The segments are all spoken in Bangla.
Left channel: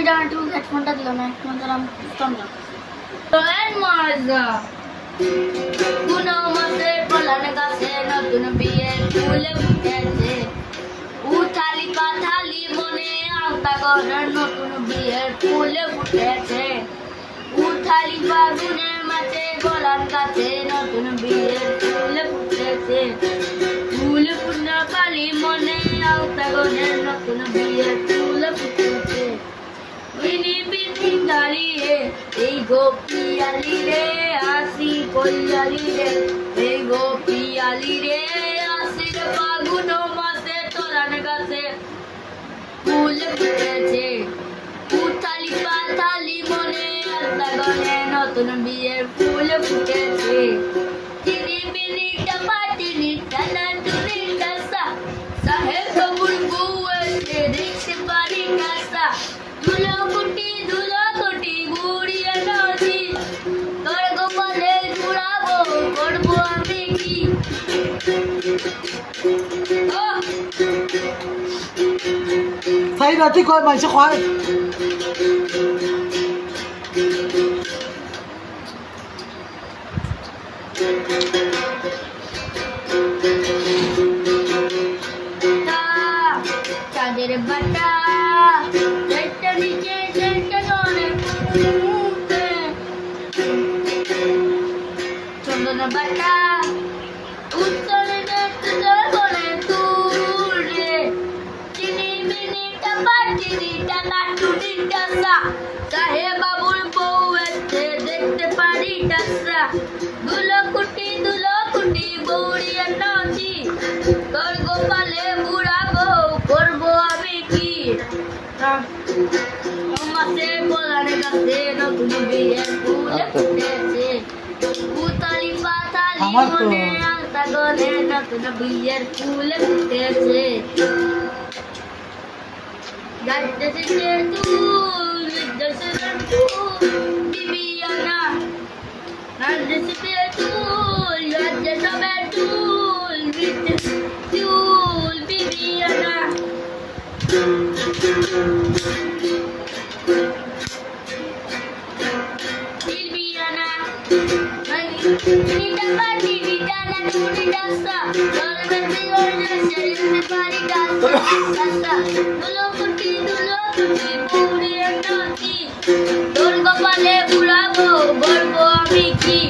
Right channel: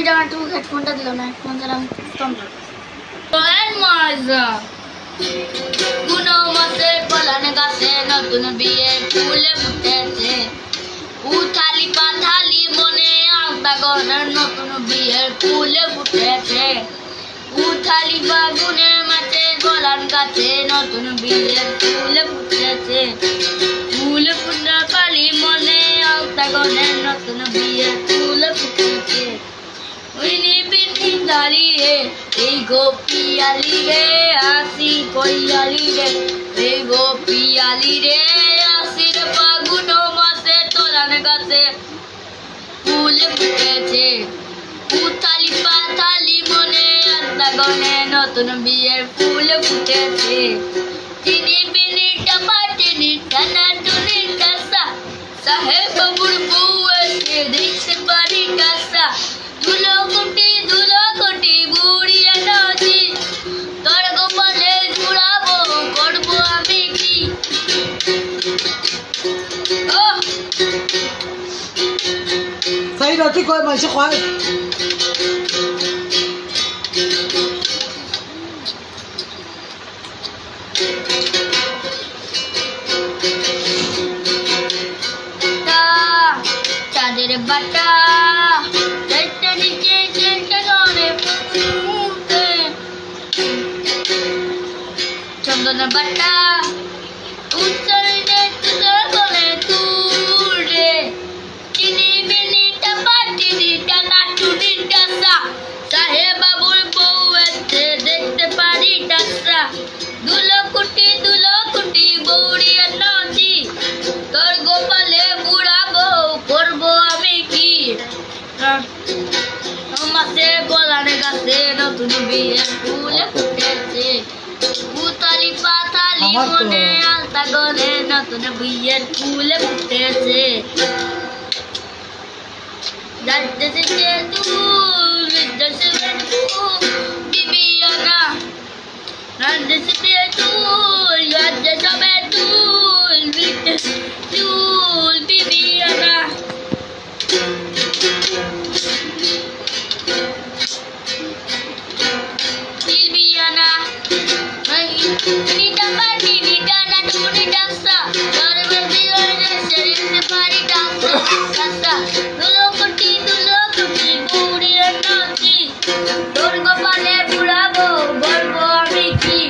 টুপিটা একটু হেডফোনটা দিল না, হেডফোনটা নাম কম না। তো এর মজা কোনো মতে কলান গাছে নতুন বিয়ে ফুল ফুটেছে, উথালি পাথালি মনে আলতা ঘরের নতুন বিয়ের ফুল ফুটেছে, উথালি বাগুনের মাঝে গোলান গাছে নতুন বিয়ের ফুল ফুটেছে, ফুল ফুটনা কালি মনে আলতা ঘরের নতুন বিয়ের ফুল ফুটেছে। উইনি পিঠি দাঁড়িয়ে এই গোপিয়ালি রে আসি কইয়ালি রে, এই গোপিয়ালি রে আসির ফাগুন মাসে তোলান গাছে ফুল ফুটেছে, উথালি পাথালি মনে আলতা গনে নতুন বিয়ের ফুল ফুটেছে। টিনি বিনি টাপা টিনি টানা টুনি টাসা, সাহেব বাবুর বউ এসে দেখছে বাড়ি টাসা, ধুলো কুটি বুড়িয়া নাচি, তোর গোপালে জুড়াবো করবো আমি কি। Say nó thích coi mày sẽ khoái. চাঁদের বাটা চারটা নিচে চারটা নরে মুখে, চন্দন বাটা উত্তরে তোর বলে তুলে, চিনি বিনি টাপা চিনি টাকা টুনি টাসা, সাহেব বাবুর বউ এসে দেখতে পারি টাসা, দুলো কুটি বৌড়িয়া নাচি, তোর গোপালে বুড়াবো করবো আমি কি। মাসে গোলার গাছে নতুন বিয়ের ফুল ফুটেছে, উতালি পাতালি মনে আলতা গনে নতুন বিয়ের ফুল ফুটেছে। যাইতেছে তুল বিদ্যাসের ফুল বিবিয়ানা, রাজদেশে তুল রাজদেশে তুল তুল বিবিয়ানা, বিবিয়ানা নিটা পাটি নিটা না টুনি ডাসা, তোর বিয়ে শরীরে পারি ডাসা ডাসা, দুলো কুটি বুড়িয়ে নাচি, তোর কপালে বুড়াবো বলবো আমি কি।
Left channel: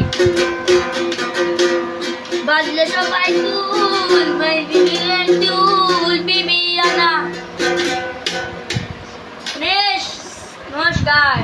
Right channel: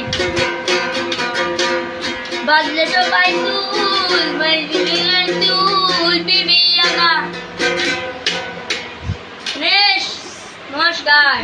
বাজলে সবাই তুল তুল বিবিয়ানা। নমস্কার।